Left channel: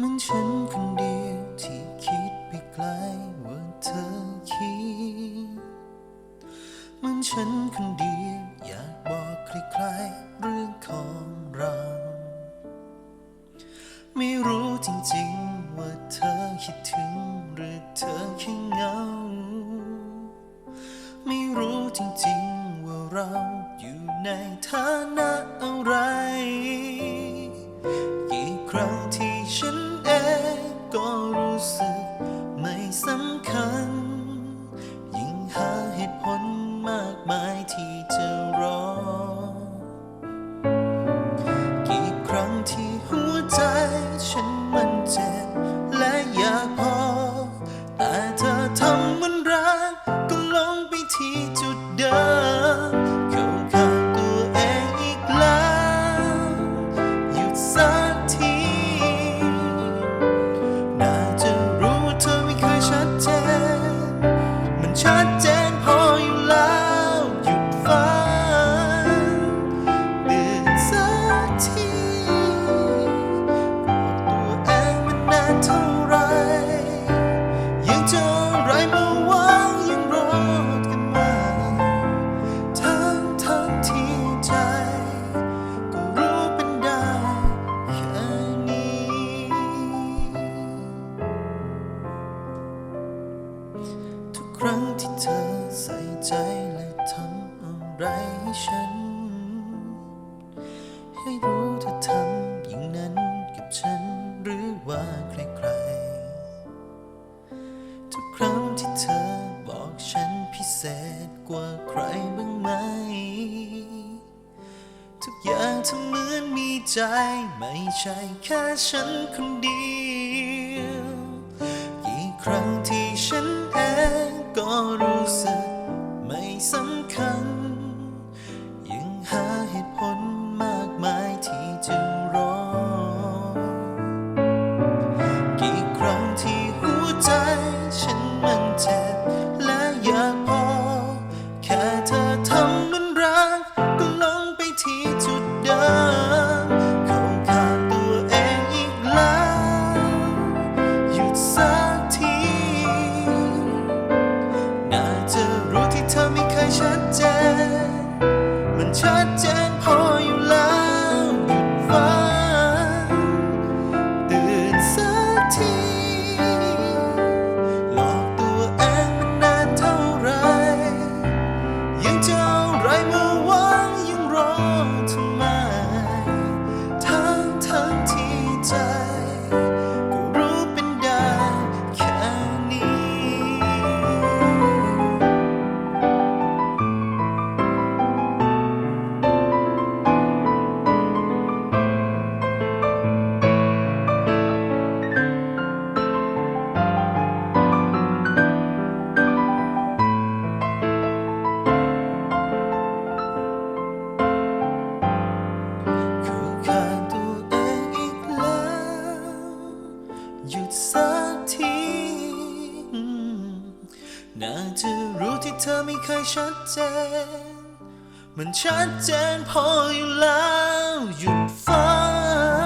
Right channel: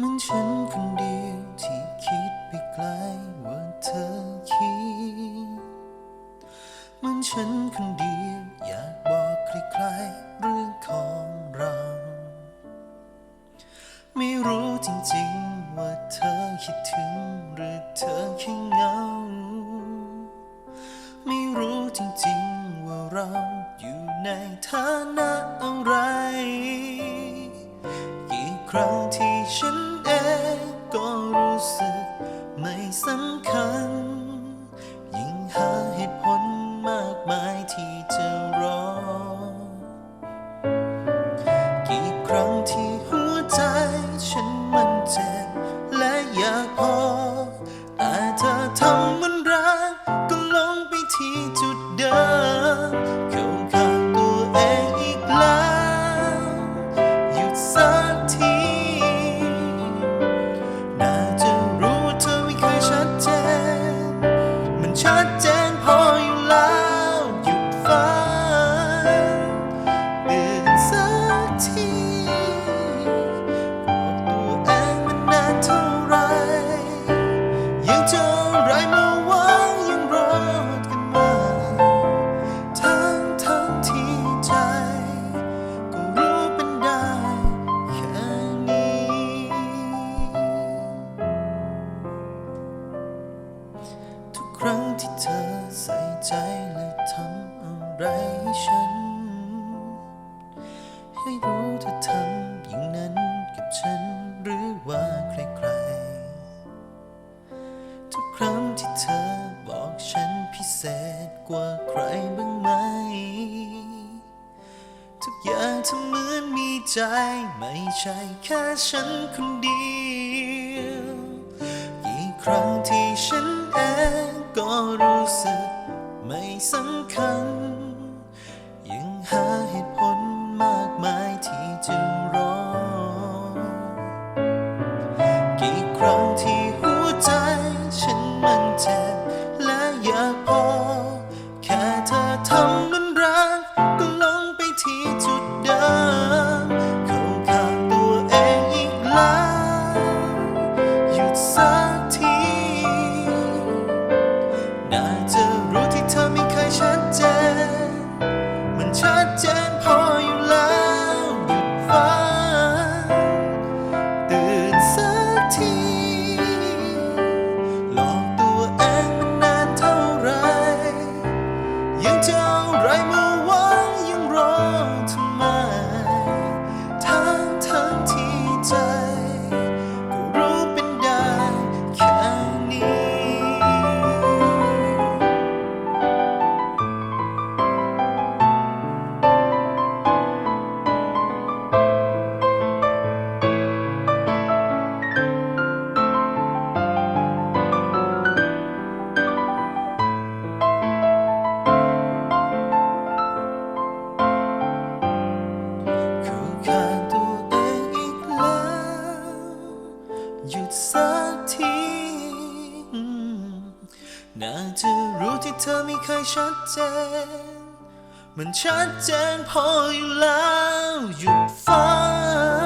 มันฉันคนเดียวที่คิดไปไกลว่าเธอคิดมันฉันคนเดียวอยากบอกใครๆเรื่องของเรา ไม่รู้จริงๆว่าเธอคิดถึงหรือเธอแค่เหงา ไม่รู้จริงๆว่าเราอยู่ในฐานะอะไร ครั้งที่ฉันเองก็รู้สึกไม่สำคัญ ยิ่งหาเหตุผลมากมายที่จะรอ กี่ครั้งที่หัวใจฉันมันเจ็บและอยากพอ แต่เธอทำมันรักก็ลงไปที่ ครั้งที่เธอใส่ใจและทำอะไรให้ฉัน ให้รู้เธอทำอย่างนั้นกับฉันหรือว่าใครๆ ทุกครั้งที่เธอบอกฉันพิเศษกว่าใครบ้างไหม ทุกอย่างเธอเหมือนมีใจ ไม่ใช่แค่ฉันคนเดียว กี่ครั้งที่ฉันเอง ก็รู้สึกไม่สำคัญ ยังหาเหตุผลมากมายที่จะรอ กี่ครั้งที่หัวใจฉันมันเจ็บ ชัดเจนพออยู่แล้ว หยุดสักทีน่าจะรู้ที่เธอไม่เคยชัดเจน มันชัดเจนพออยู่แล้ว หยุดฝัน